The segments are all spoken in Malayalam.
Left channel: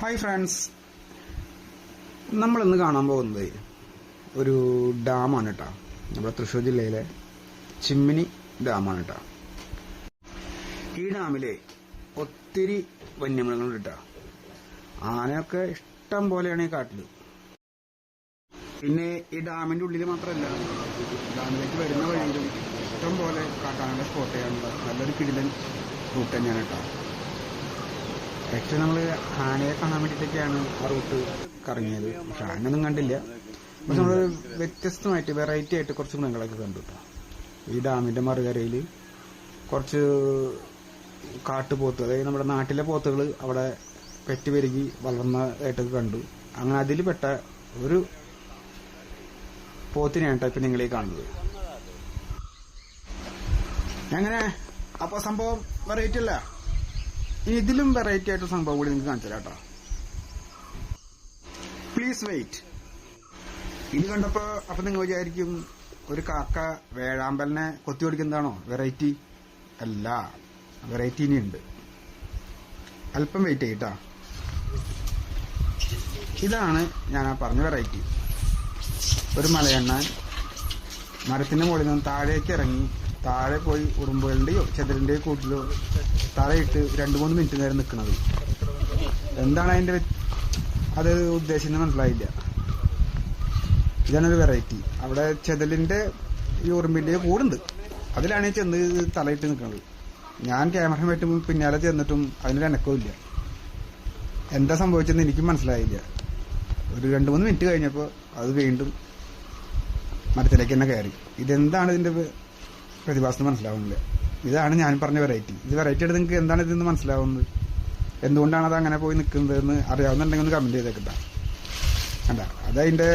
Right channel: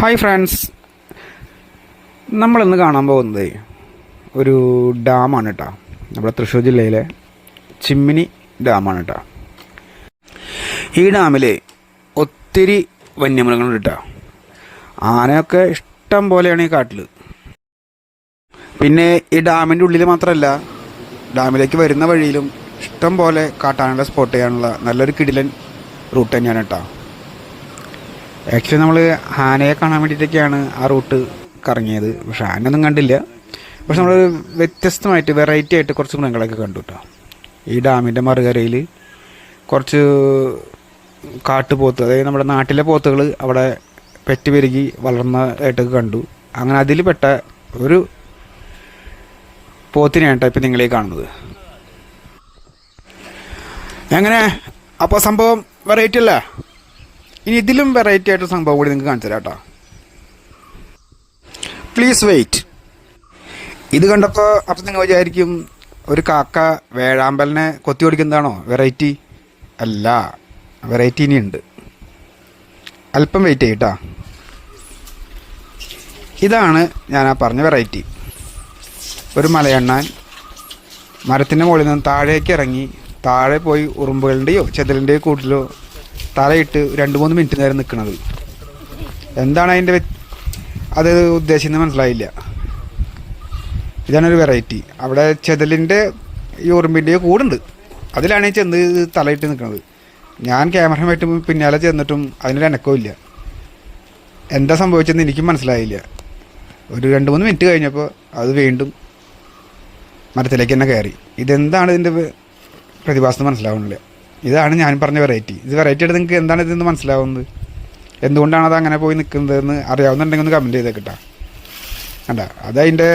ഹായ് ഫ്രണ്ട്സ്, നമ്മളിന്ന് കാണാൻ പോകുന്നത് ഒരു ഡാമാണ് കേട്ടോ. നമ്മുടെ തൃശ്ശൂർ ജില്ലയിലെ ചിമ്മിനി ഡാമാണ് കേട്ടോ. ഈ ഡാമിൽ ഒത്തിരി വന്യമൃഗങ്ങളുണ്ട് കേട്ടോ. ആനയൊക്കെ ഇഷ്ടം പോലെയാണ് ഈ കാട്ടിൽ. പിന്നെ ഈ ഡാമിൻ്റെ ഉള്ളിൽ മാത്രമല്ല, ഡാമിലേക്ക് വരുന്ന വഴിയിലും ഇഷ്ടം പോലെ കാട്ടാനയുടെ സ്പോട്ട് ചെയ്യാനുള്ള നല്ലൊരു കിടിലൻ റൂട്ട് തന്നെയാണ് കേട്ടോ. ആക്ച്വലി നമ്മൾ ആനയെ കാണാൻ വേണ്ടിയിട്ടൊക്കെയാണ് ആ റൂട്ട് കറങ്ങിയത്. പക്ഷെ ആനയൊന്നും കണ്ടില്ല. പക്ഷെ നമ്മൾ വ്യത്യസ്തമായിട്ട് വെറൈറ്റി ആയിട്ട് കുറച്ച് മൃഗങ്ങളൊക്കെ കണ്ടു കേട്ടോ. ഈ ഡാമിൻ്റെ മറുകരയിൽ കുറച്ച് കാട്ടുപോത്ത്, അതായത് നമ്മുടെ നാട്ടിലെ പോത്തുകൾ അവിടെ പെറ്റ് പെരുകി വളർന്നതായിട്ടൊക്കെ കണ്ടു. അങ്ങനെ അതിൽ പെട്ട ഒരു പോത്തിനെയാണ് കേട്ടോ ഇപ്പം നിങ്ങളീ കാണുന്നത്. എങ്ങനെ അപ്പോൾ സംഭവം വെറൈറ്റി അല്ലേ? ഇനി ഇതിലും വെറൈറ്റി ആയിട്ട് സംഭവം കൂടി നിങ്ങൾക്ക് കാണിച്ചു തരാം കേട്ടോ. Please wait. ഇത് കണ്ടപ്പോൾ അപ്പം നിങ്ങൾ വിചാരിക്കും ഒരു കാക്ക വേഴാമ്പലിനെ കൊത്തി ഓടിക്കുന്നതാണോ വെറൈറ്റി? അല്ല, വെറൈറ്റി ഇനിയുണ്ട്. അല്പം വെയിറ്റ് ചെയ്യട്ടാ. ഇതാണ് ഞാൻ ആ പറഞ്ഞ വെറൈറ്റി. ഒരു മലയണ്ണാൻ മരത്തിൻ്റെ മുകളിൽ നിന്ന് താഴേക്ക് ഇറങ്ങി താഴെ പോയി ഉറുമ്പുകളുടെയോ ചെതലിൻ്റെയോ കൂട്ടിലോ തലയിട്ട് 2-3 മിനിറ്റ് നേരം നിൽക്കുന്നത്. എന്താണ് അതിൻ്റെ അത് ഉദ്ദേശിക്കുന്നത് മനസ്സിലായില്ല. ഇതാണൊരു വെറൈറ്റി. അവിടെ ചെതലിൻ്റെ ഈ ഉറുമ്പിൻ്റെയോ കൂടുണ്ട്, അതിലാണ് ഈ ചെന്ന് തലയിട്ട് നിൽക്കുന്നത്. ഞാൻ ക്യാമറമായിട്ട് പിന്നാലെ ചെന്നിട്ടും അതിനൊരു അനക്കവും ഇല്ല. എന്താ സംഭവിച്ചതെന്ന് എനിക്കും മനസ്സിലായില്ല. ഒരു 2-3 മിനിറ്റ് കഴിഞ്ഞപ്പോൾ അത് വീണ്ടും മരത്തിലേക്ക് തന്നെ കയറി. ഇതെന്താണ് ഇതിൻ്റെ പ്രതിഭാസം മനസ്സിലാവുന്നില്ല. ഇതാണ് ഞാൻ പറഞ്ഞ വെറൈറ്റി. ഇത് വെറൈറ്റി ആയിട്ട് നിങ്ങൾക്ക് എന്താണ് ഇതെന്ന് മനസ്സിലാവുന്നത്? എന്തുകൊണ്ടാണ് അത് അങ്ങനെ പോയി നിൽക്കുന്നതെന്ന് അറിയാവുന്നുണ്ടെങ്കിൽ ഒന്ന് കമൻറ്റ് ചെയ്തേക്കിട്ടാ. കണ്ട, അതതിൻ്റെ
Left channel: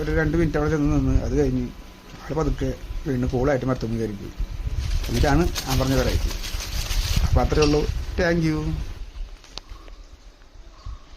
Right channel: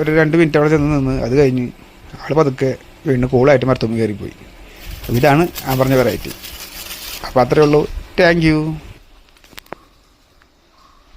ഒരു 2 മിനിറ്റ് അവിടെ ചെന്ന് നിന്ന് അത് കഴിഞ്ഞ് ആൾ പതുക്കെ വീണ്ടും കൂളായിട്ട് മരത്തുമ്പോൾ കയറിപ്പോയി. ഇതാണ് ഞാൻ പറഞ്ഞ വെറൈറ്റി. അപ്പോൾ അത്രയേ ഉള്ളൂ. Thank you.